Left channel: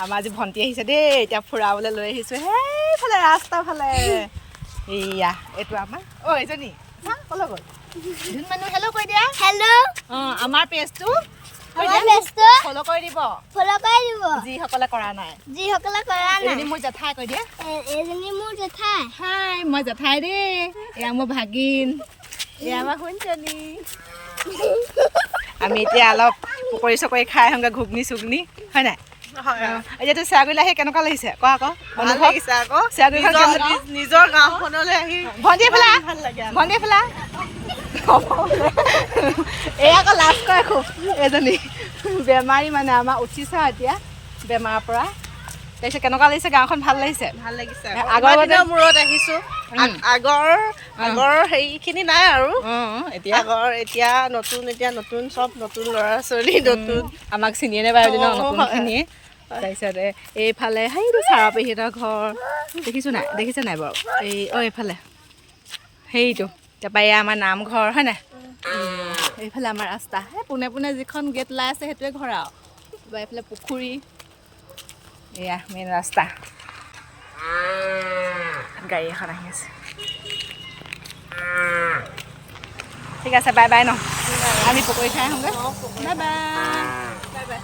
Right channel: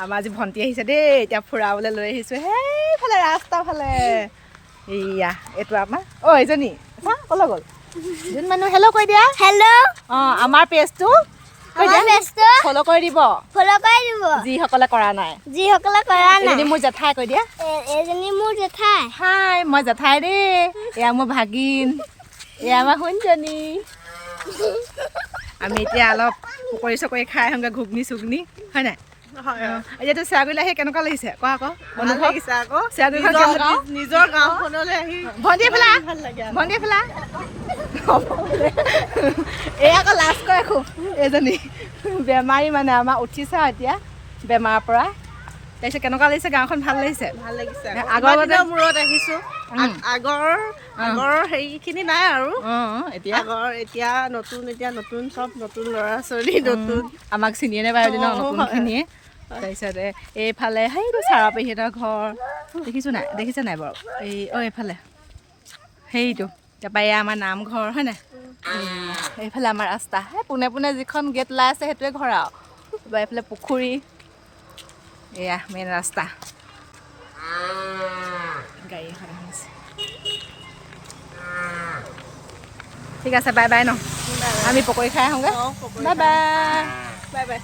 আমাৰ আজি ভণ্টি আহিছে দেই এতিয়া ফুৰাবলৈ লৈ আহিছোঁ সেইফালে ৰাস্তা ফালে এইয়া এইটো আমাৰ এইজনী ক'লৈ গ'ল যোন মানুহ হেল্ল' কৈ দিয়া অঁ আমাৰ পেজটো ফ'ল' কৰি দিব যিসকলে কৰা নাই এইজনী মোৰ জেঠাই কৈ দিয়া হাই মই জেঠাই দেই এয়া মোৰ ভাগিন এয়া আমাৰ শুনজনী আমি এতিয়া অলপ পকৰি চকৰি খাই আহোঁগৈ ঘুগনি চুগনি হয় নাই এতিয়াতো চেৰাগুৰিলৈ আহি কেনেকুৱা লাগিছে কোৱা আকৌ ভাল লাগিছে আকৌ নিজৰ গাঁওখনলৈ আহি ভণ্টি এফালে এই আকৌ লাজ কৰে খুব এজনী বেমাৰী মানে আমাৰ উঠিছে এতিয়া বেমাৰৰ পৰা তাৰপিছত কেনেকুৱা লাগিছে গাঁওখন ভাল লাগিছে আগৰ মূৰত আহিছো আগৰ হেৰিখিনি নাই আৰু এতিয়া নতুন চব নতুন ল'ৰা ছোৱালী নতুন আমাক চিনিয়ে নাপায় এদিন নতুনখিনিয়ে তাৰপিছতে এইফালে সেইটো চাৰা পেহীহঁতৰ ঘৰ দেখিছে নাই বাৰু এইফালে সেইটো তাৰপৰা এয়া আমাৰ নামঘৰ হয় নাই এইফালে আমাৰ ৰাস্তা পোনে পোনে যিখন গেট ওলাই আছে সেইটোৱে ঘৰ আৰু তাৰপৰা এইফালে পুখুৰী এয়া মেইন ৰাস্তা গাড়ী এখন আহি আছে ঠিক আছে বাই বাই ন আমি পকৰি খাই আহোঁগৈ বাই বাই